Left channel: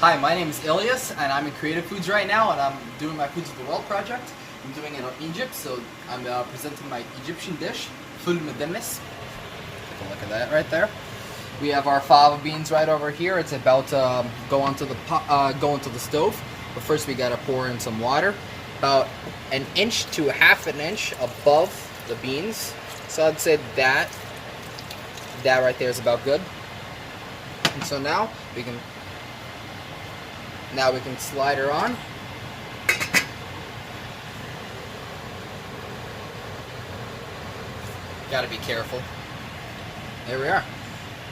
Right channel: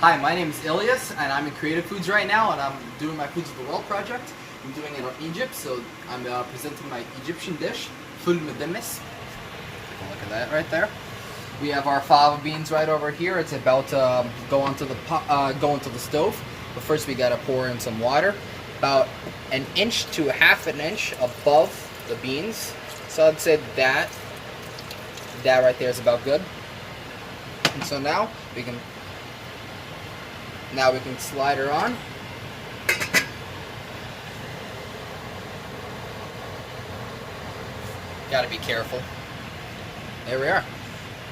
Hi, my name is Ilias, and I'm in Creative Foods right now, and I'm doing my Foods of the World project. I'm doing it in Egypt, so I'm presenting my Egyptian dish, Medames. Look at that right there. We have our fava beans right over here. It's about to go onto the stove. But first, we gotta pour in some water, about an inch to half an inch above the beans. So I'd say that right there is about good. And so now we can slide her on. Gotta be careful. There we are.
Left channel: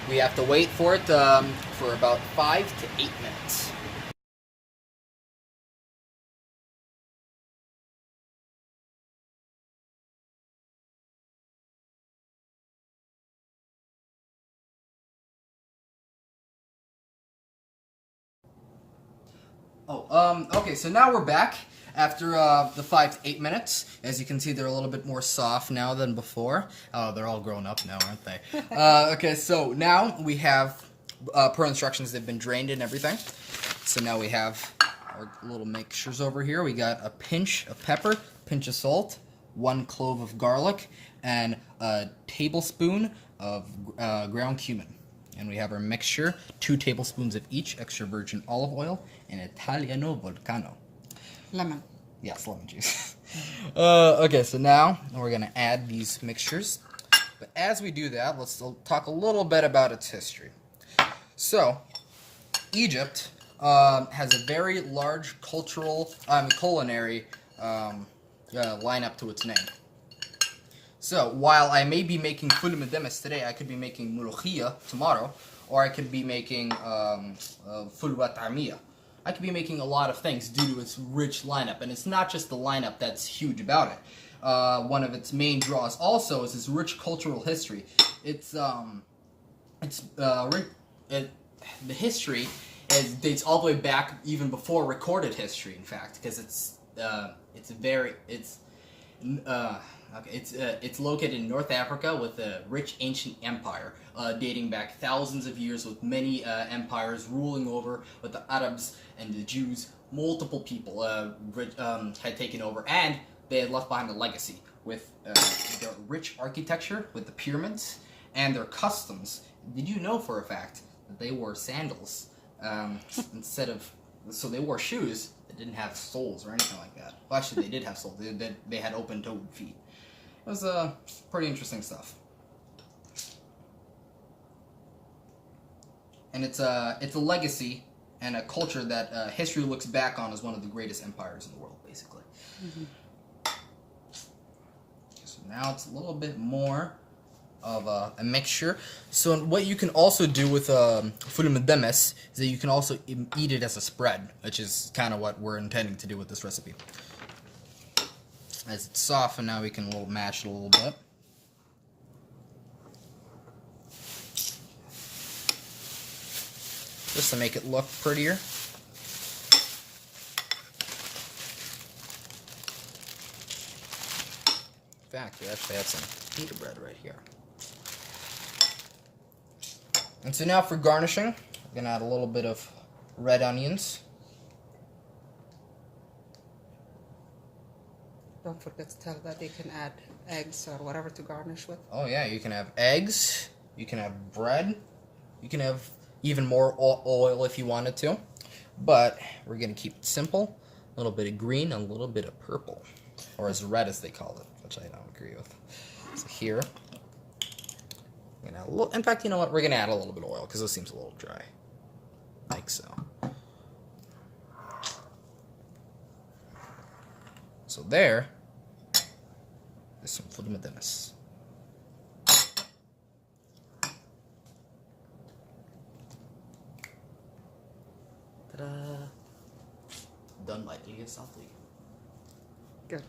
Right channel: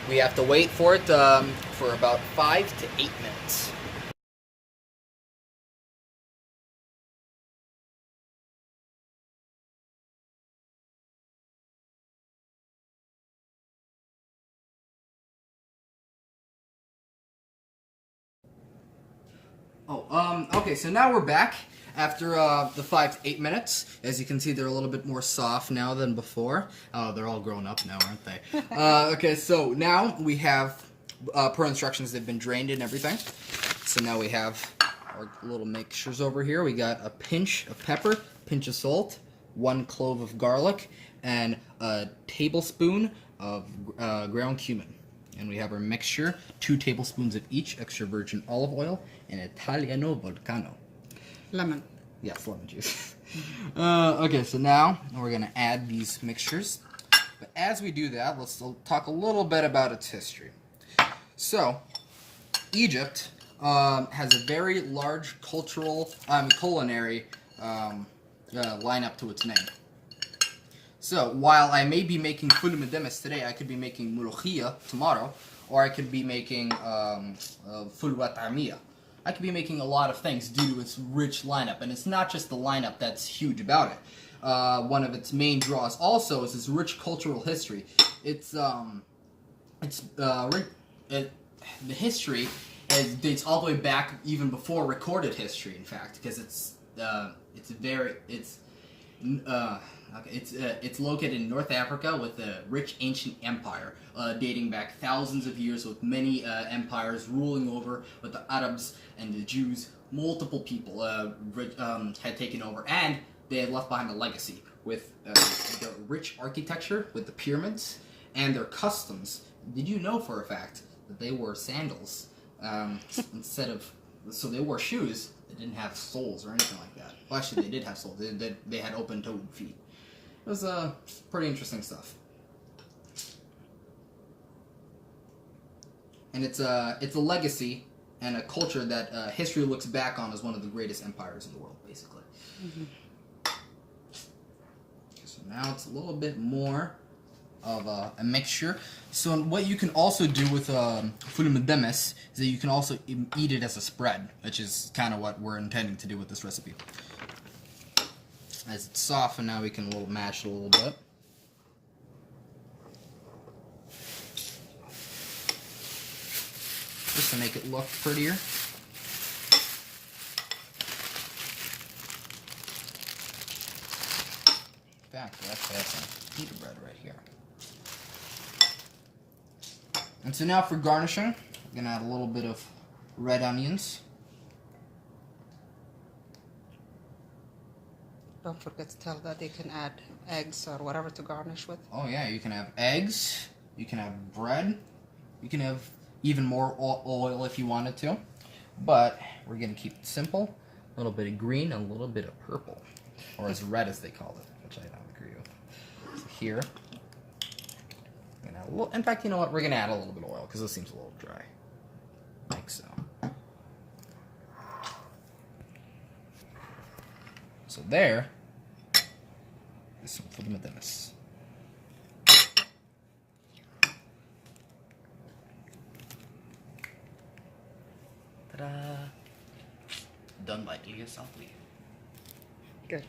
We have to wait for it for about 5 to 8 minutes. Okay, so now we're back after the 5 to 8 minutes. As you can see, they're a little bit more soft now than before. Oh, they're all grown up now, aren't they? Okay, so now we have, per instructions, they've been drained and everything. So now we have our little mixtures over here. We got a pinch of pepper, pinch of salt, 1 clove of garlic, and a tablespoon of ground cumin. And we have our mixture, 2 tablespoons of each extra virgin olive oil, and Italiano Volcano. Lemon. Yes, lemon juice. Okay, so now we're going to add these mixtures. But as we do that, let's talk a little bit about its history. So, Egypt has a very large cultural, culinary lineup to its name. So, while I may be making ful medames today, I could be making mulukhia tomorrow, or I could be making ful watamiya. I could be making a lot of things due to its rich lineup, and it's not just the lineup that's huge about it. One of its main draws also is its rich cultural history. The history dates all the way back even before recorded history, in fact, because it's located in North Africa with a rich ancient empire dating back thousands of years, with many empires ruling over, with the Arabs and the Jews. Multiple people had taken over, and they had left behind a legacy with the rich architecture, with the pyramids, and their customs. Did you know for a fact that they wore sandals so they wore shoes that didn't have soles or anything like that? Well, actually, they did have soles. They had open-toed feet. It was pretty interesting stuff. And it's a legacy and a culture that history looks back on as one of the greatest empires in the world, basically. Mm-hmm. So now it's a little bit more of a mixture. So what you can also do with ful medames is that you can also eat it as a spread, which is kind of what we're intending to do with this recipe. As it's softened, now we can mash it a little bit. Just to make it look prettier. In fact, we actually have some pita bread right here. And so now for garnishing, we're going to add a little bit of red onions. Don't forget to tell that they can add eggs or whatever to garnish with. Oh yeah, you can have eggs, you can have bread, you can have even more oil if you wanted to. But we're going to keep it simple. A little bit of green and a little bit of purple. Or as red as they call it, which I don't agree with. So here, in fact, you know what? We're going to add a little bit of oil because this seems a little dry. Like so. So there is some ful medames. Ta-da! Done by Ilias. Good.